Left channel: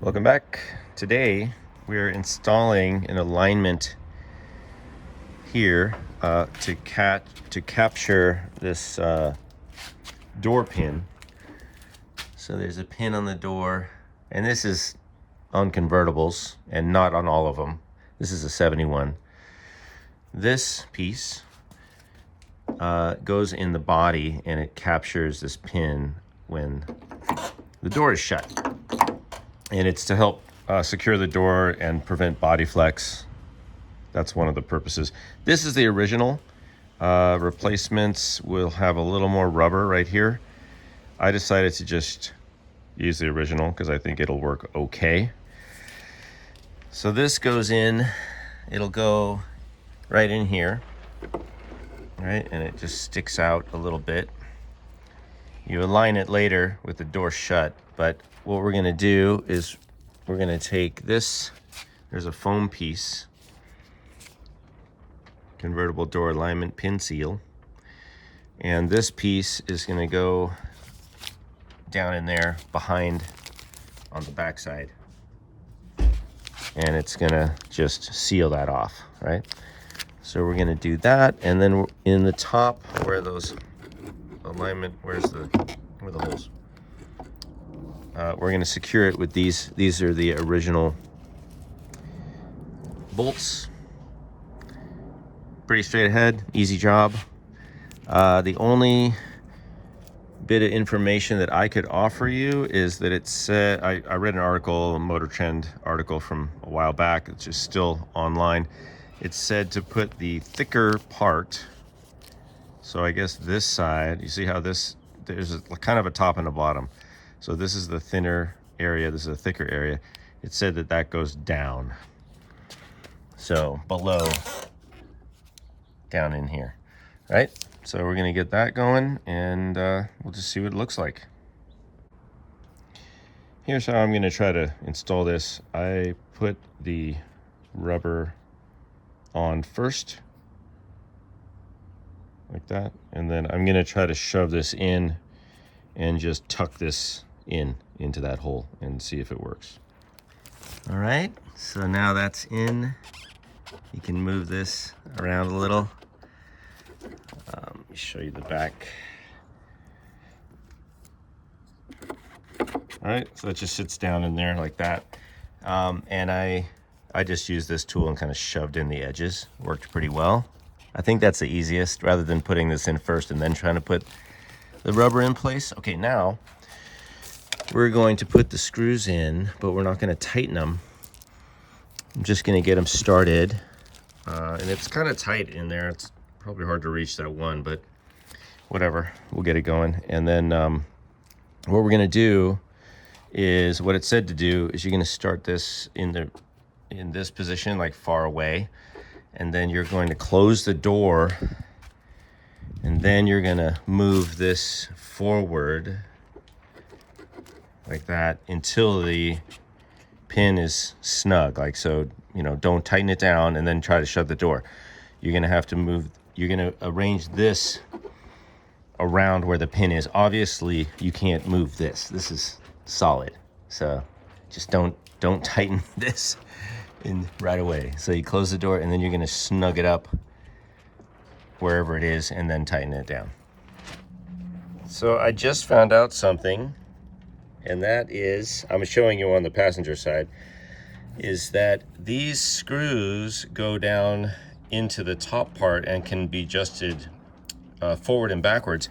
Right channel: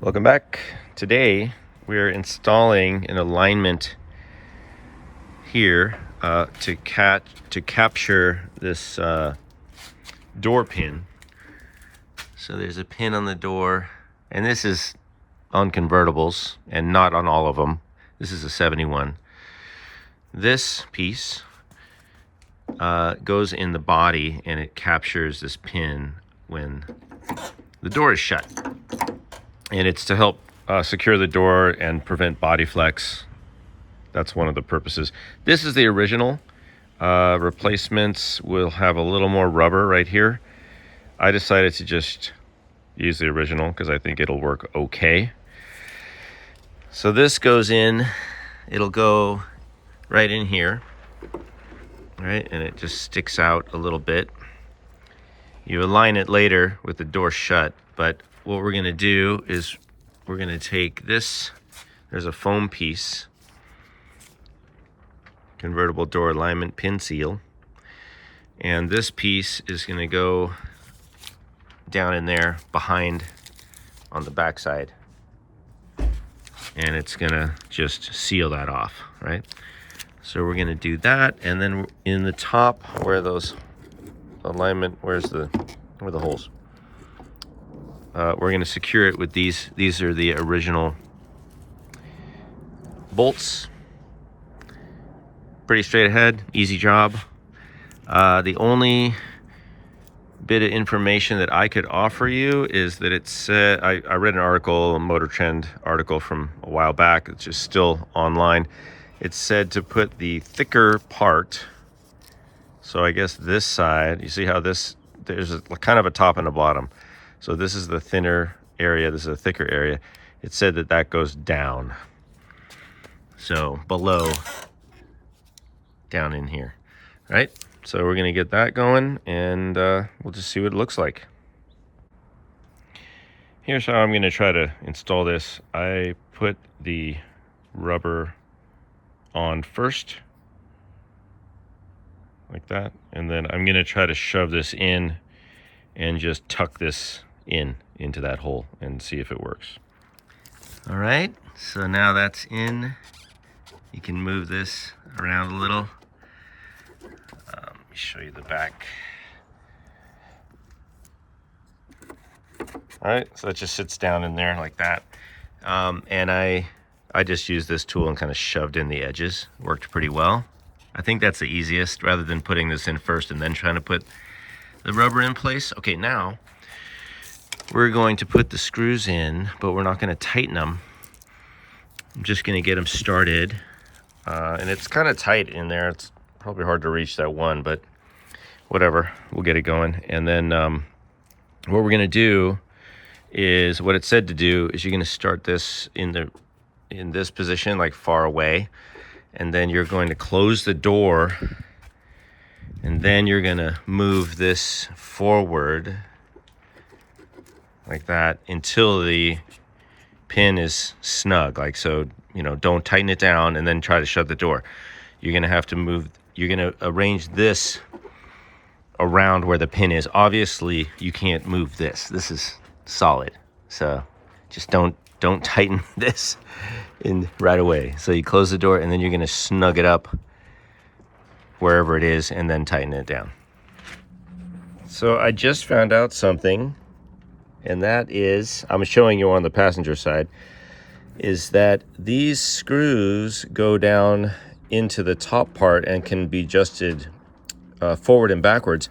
Welcome back. Today we're installing an alignment here to capture this door pin. So there's a pin on the door, and this is on convertibles and not on all of them. This is a 71. This piece goes in the body, and it captures this pin when the door is shut. And it's to help secure the door and prevent body flex. That's one of the purposes. This is the original. Replacements will have a little more rubber right here. I decided to just use the original because I think it'll work okay. So this goes in, it'll go right in here, right? And it just sticks out a little bit. You align it later with the door shut, but what we're gonna do is we're gonna take this, there's a foam piece, convertible door alignment pin seal, and this piece is gonna go down in there behind on the back side, and it's gonna just seal that off, right? So we're gonna do that, and then in the top where those alignment, where the holes, we're going to secure it with these are the original bolts. Pretty straight ahead, easy job. The only bit of information that I could offer you is that it said, I read an article, a Motor Trend article from a while back, it's just still online. It said to put the thicker part, so I guess this side, you see how there's kind of a top and a bottom. So this is the thinner area, this is a thicker area. It said that goes down. So below, down in here, right? So we're gonna get that going, and we'll just see what it looks like. Here's how I'm gonna try to install this. I put the rubber on first, like that, and then I'm gonna try to shove this in and just tuck this into that hole and see if it works. All right, so now that's in. You can move this around a little. Let me show you the back. All right, so it just sits down in there like that. And I just used this tool and kind of shoved in the edges. Worked pretty well. I think that's the easiest, rather than putting this in first and then trying to put the rubber in place. Okay, now we're going to put the screws in, but we're not going to tighten them. I'm just going to get them started. And it's kind of tight in there. It's probably hard to reach that one, but whatever, we'll get it going. And then what we're going to do is, what it said to do is, you're going to start this in this position, like far away, and then you're going to close the door, and then you're going to move this forward like that until the pin is snug, like so. You know, don't tighten it down and then try to shut the door. You're going to have to move, you're going to arrange this around where the pin is. Obviously you can't move this is solid, so just don't tighten this in right away. So you close the door, and then you're going to snug it up wherever it is, and then tighten it down. So I just found out something, and that is, I'm showing you on the passenger side, is that these screws go down into the top part and can be adjusted forward and backwards.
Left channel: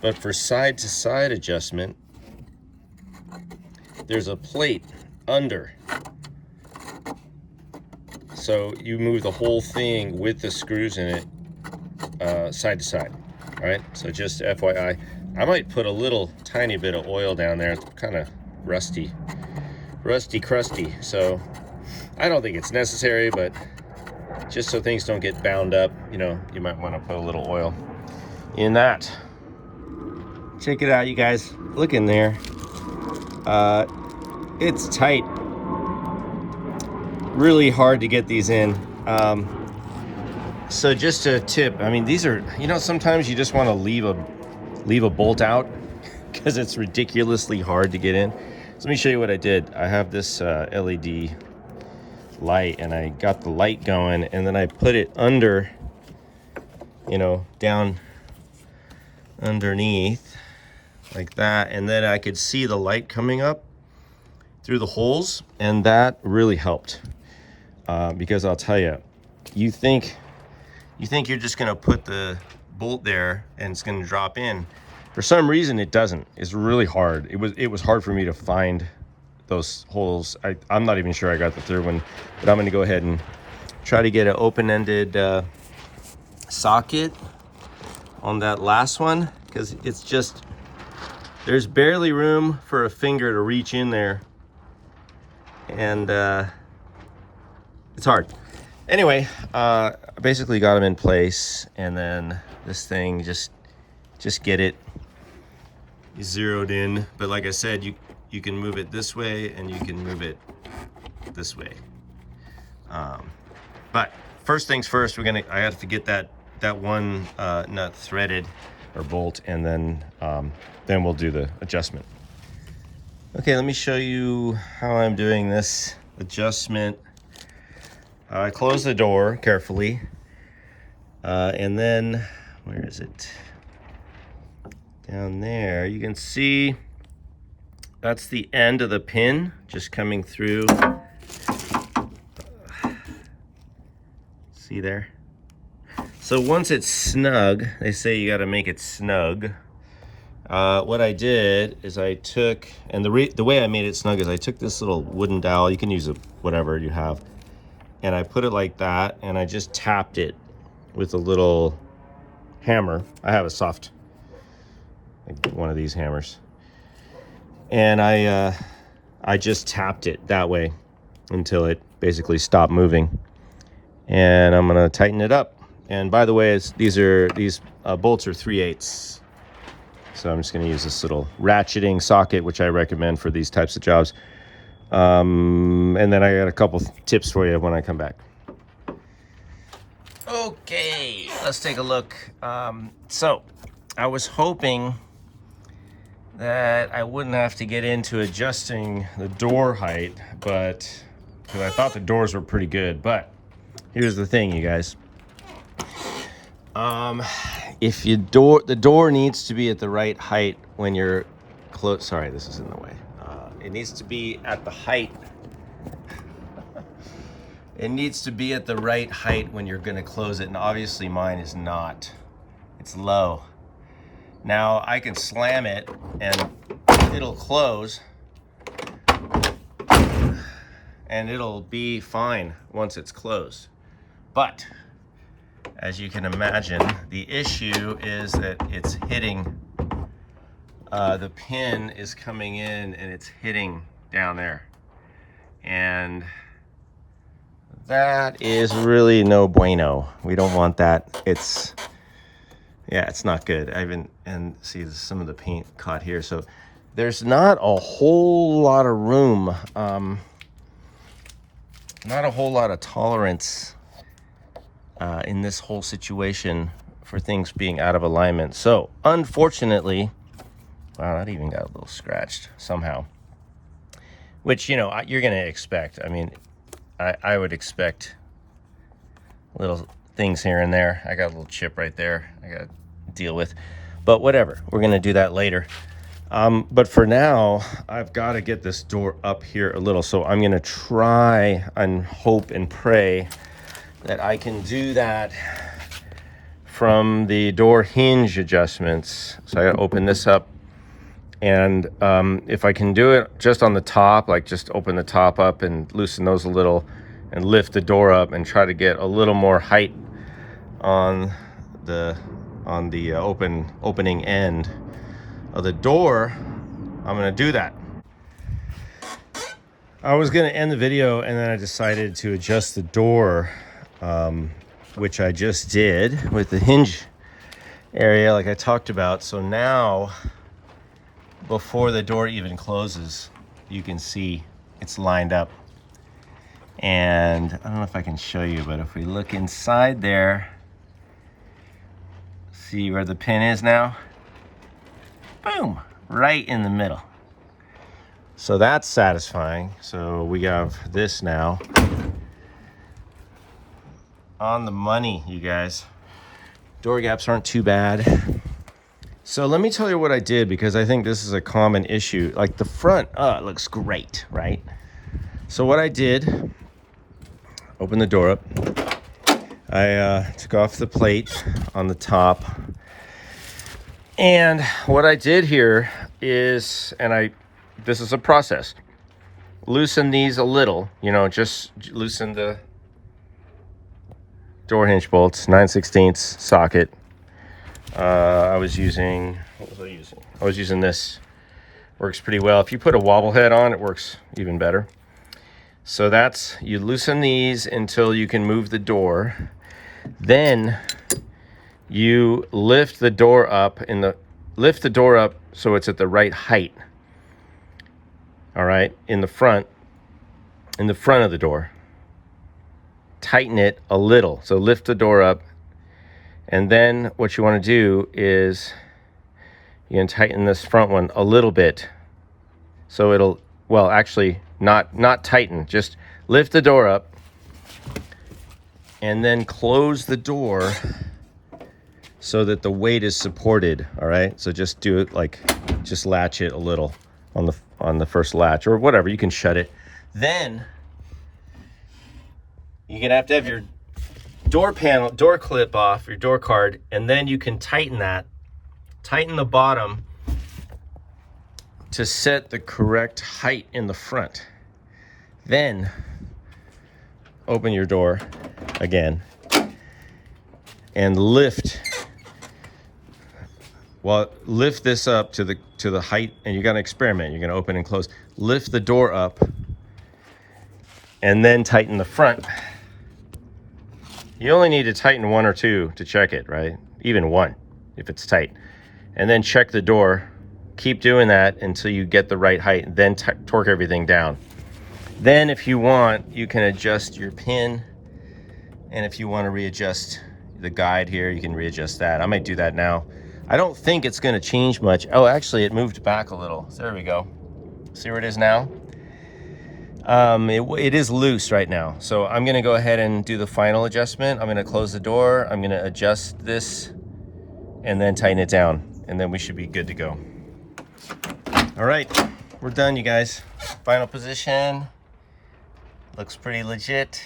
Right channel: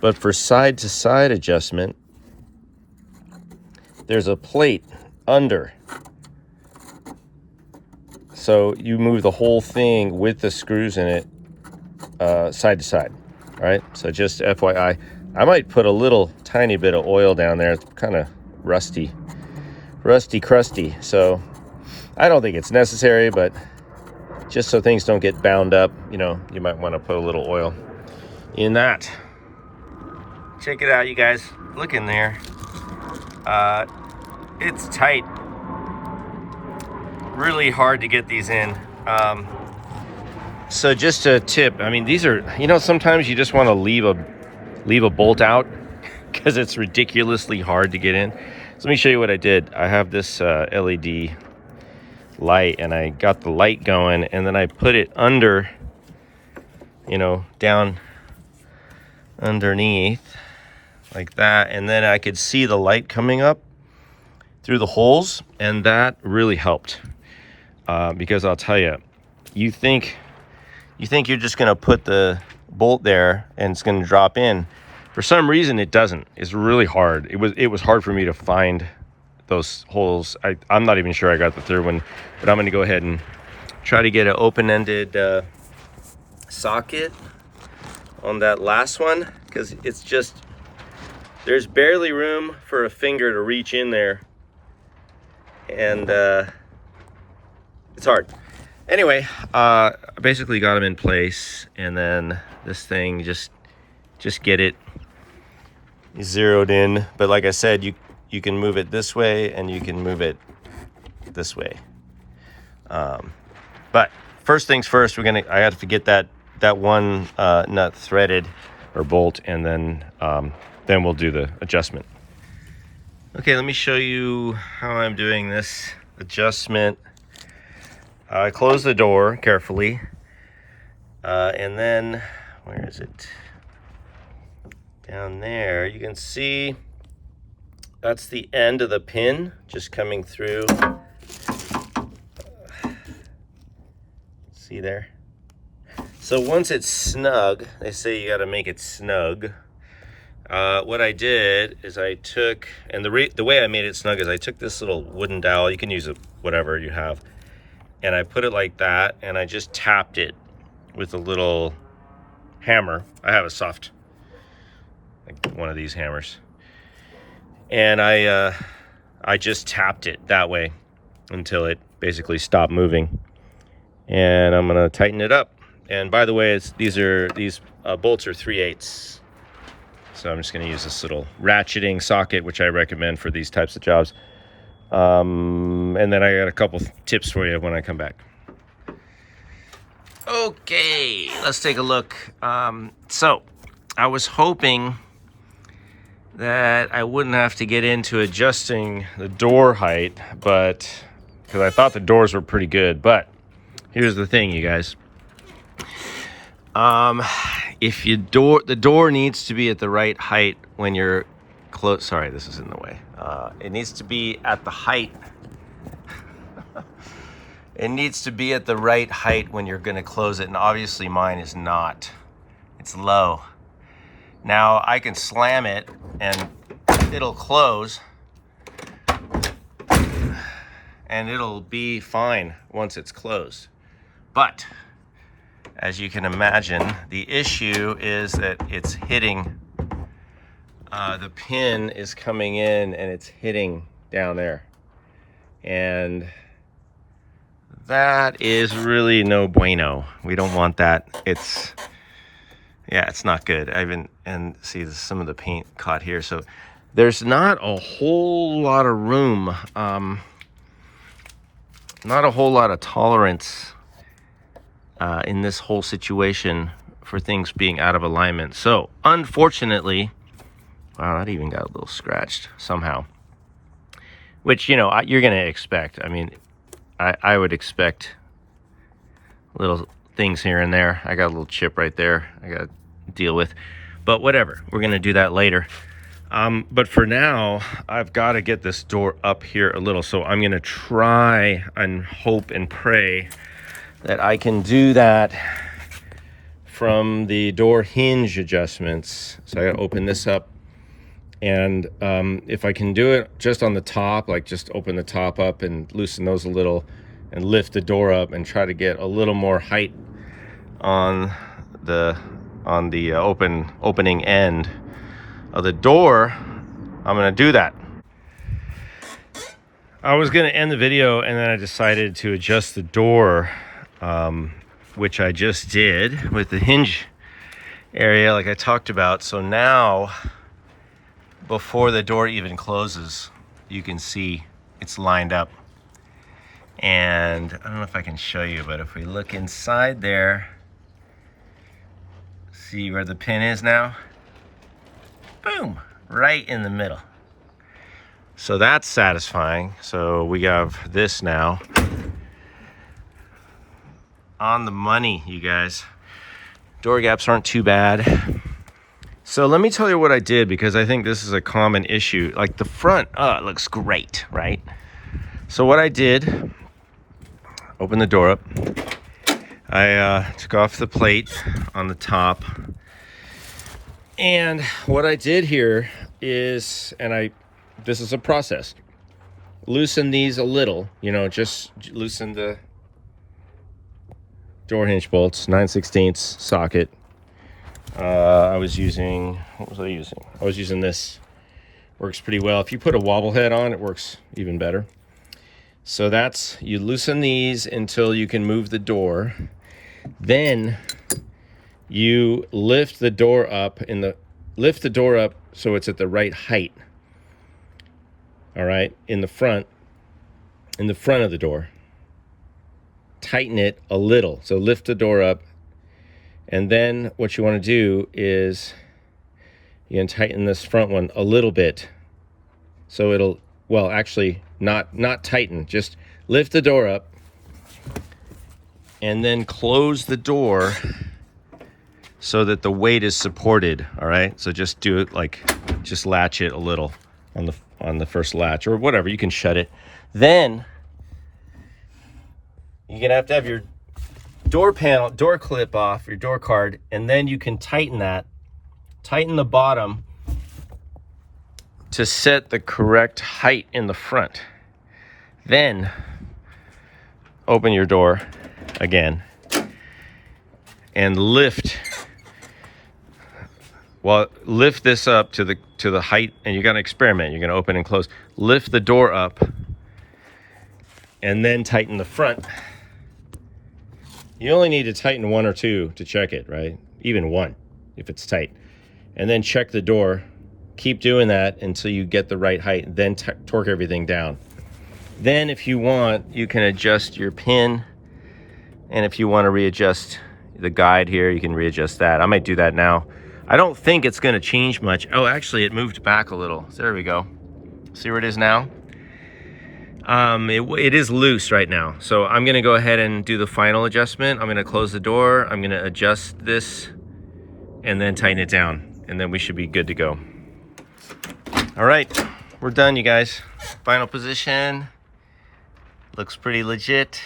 But for side to side adjustment, there's a plate under. So you move the whole thing with the screws in it side to side, right? So just FYI, I might put a little tiny bit of oil down there. It's kind of rusty crusty, so I don't think it's necessary, but just so things don't get bound up, you know, you might want to put a little oil in that. Check it out, you guys. Look in there. It's tight. Really hard to get these in. So just a tip, I mean, these are, you know, sometimes you just want to leave a bolt out because it's ridiculously hard to get in. So let me show you what I did. I have this LED light, and I got the light going, and then I put it under, you know, down underneath like that, and then I could see the light coming up through the holes, and that really helped. Because I'll tell you, you think you're just gonna put the bolt there and it's gonna drop in. For some reason it doesn't. It's really hard. It was hard for me to find those holes. I'm not even sure I got the third one, but I'm gonna go ahead and try to get an open-ended socket on that last one, because it's just, there's barely room for a finger to reach in there, and it's hard. Anyway, I basically got them in place, and then this thing, just get it zeroed in. But like I said, you can move it this way and you can move it this way. But first things first, I have to get that one nut threaded or bolt, and then we'll do the adjustment. Okay, let me show you how I'm doing this adjustment. I close the door carefully, and then, where is it? Down there, you can see that's the end of the pin just coming through. See there? So once it's snug, they say you got to make it snug. What I did is I took, and the way I made it snug is I took this little wooden dowel. You can use whatever you have, and I put it like that, and I just tapped it with a little hammer. I have a soft, like one of these hammers, and I just tapped it that way until it basically stopped moving. And I'm gonna tighten it up. And by the way, these bolts are 3/8. So I'm just gonna use this little ratcheting socket, which I recommend for these types of jobs. And then I got a couple tips for you when I come back. Okay, let's take a look. So I was hoping that I wouldn't have to get into adjusting the door height, but because I thought the doors were pretty good. But here's the thing, you guys. If the door needs to be at the right height when you're close. Sorry, this is in the way. It needs to be at the height. It needs to be at the right height when you're going to close it, and obviously mine is not. It's low. Now I can slam it and it'll close, and it'll be fine once it's closed. But as you can imagine, the issue is that it's hitting, the pin is coming in and it's hitting down there. And that is really no bueno. We don't want that. It's not good. And see some of the paint caught here. So there's not a whole lot of room, not a whole lot of tolerance in this whole situation for things being out of alignment. So unfortunately, wow, that even got a little scratched somehow, which, you know, you're gonna expect. I mean, I would expect little things here and there. I got a little chip right there I gotta deal with, but whatever, we're gonna do that later. But for now, I've got to get this door up here a little, so I'm gonna try and hope and pray that I can do that from the door hinge adjustments. So I gotta open this up, and if I can do it just on the top, like just open the top up and loosen those a little and lift the door up and try to get a little more height on the opening end of the door, I'm gonna do that. I was gonna end the video, and then I decided to adjust the door, which I just did with the hinge area like I talked about. So now, before the door even closes, you can see it's lined up. And I don't know if I can show you, but if we look inside there, see where the pin is now? Boom, right in the middle. So that's satisfying. So we have this now. On the money, you guys. Door gaps aren't too bad. So let me tell you what I did, because I think this is a common issue. Like the front, it looks great, right? So what I did, open the door up. I took off the plate on the top. And what I did here is, this is a process. Loosen these a little, just loosen the door hinge bolts, 9/16 socket. What was I using? I was using this. Works pretty well. If you put a wobble head on, it works even better. So you loosen these until you can move the door. Then you lift the door up so it's at the right height. All right, in the front of the door. Tighten it a little. So lift the door up. And then what you want to do is you can tighten this front one a little bit. So it'll, well, actually not tighten, just lift the door up and then close the door so that the weight is supported. All right. So just do it just latch it a little on the first latch or whatever. You can shut it. Then you're going to have your door clip off, your door card, and then you can tighten the bottom to set the correct height in the front. Then open your door again and lift this up to the height, and you're going to experiment. You're going to open and close. Lift the door up and then tighten the front. You only need to tighten one or two to check it, right? Even one, if it's tight. And then check the door. Keep doing that until you get the right height, then torque everything down. Then if you want, you can adjust your pin. And if you want to readjust the guide here, you can readjust that. I might do that now. I don't think it's going to change much. Oh, actually, it moved back a little. So there we go. See where it is now? It is loose right now. So I'm going to go ahead and do the final adjustment. I'm going to close the door. I'm going to adjust this and then tighten it down. And then we should be good to go. All right, we're done, you guys. Final position. Looks pretty legit.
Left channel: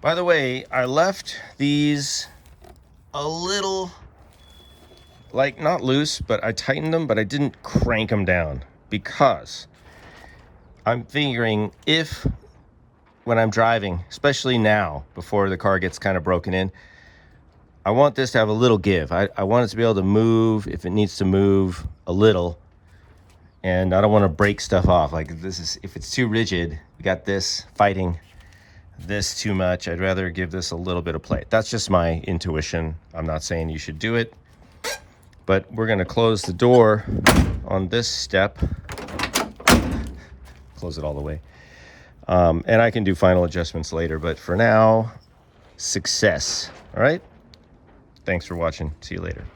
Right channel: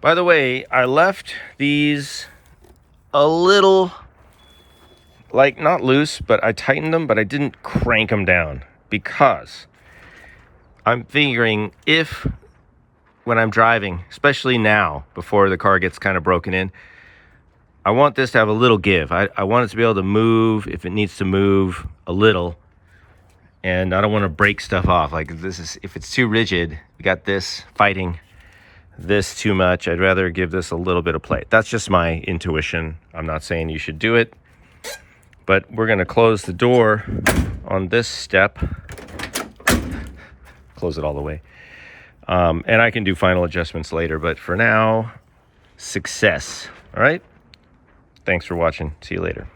By the way, I left these a little, not loose, but I tightened them, but I didn't crank them down because I'm figuring when I'm driving, especially now, before the car gets kind of broken in, I want this to have a little give. I want it to be able to move if it needs to move a little. And I don't want to break stuff off. If it's too rigid, we got this fighting this too much. I'd rather give this a little bit of play. That's just my intuition. I'm not saying you should do it. But we're going to close the door on this step. Close it all the way. And I can do final adjustments later. But for now, success. All right? Thanks for watching. See you later.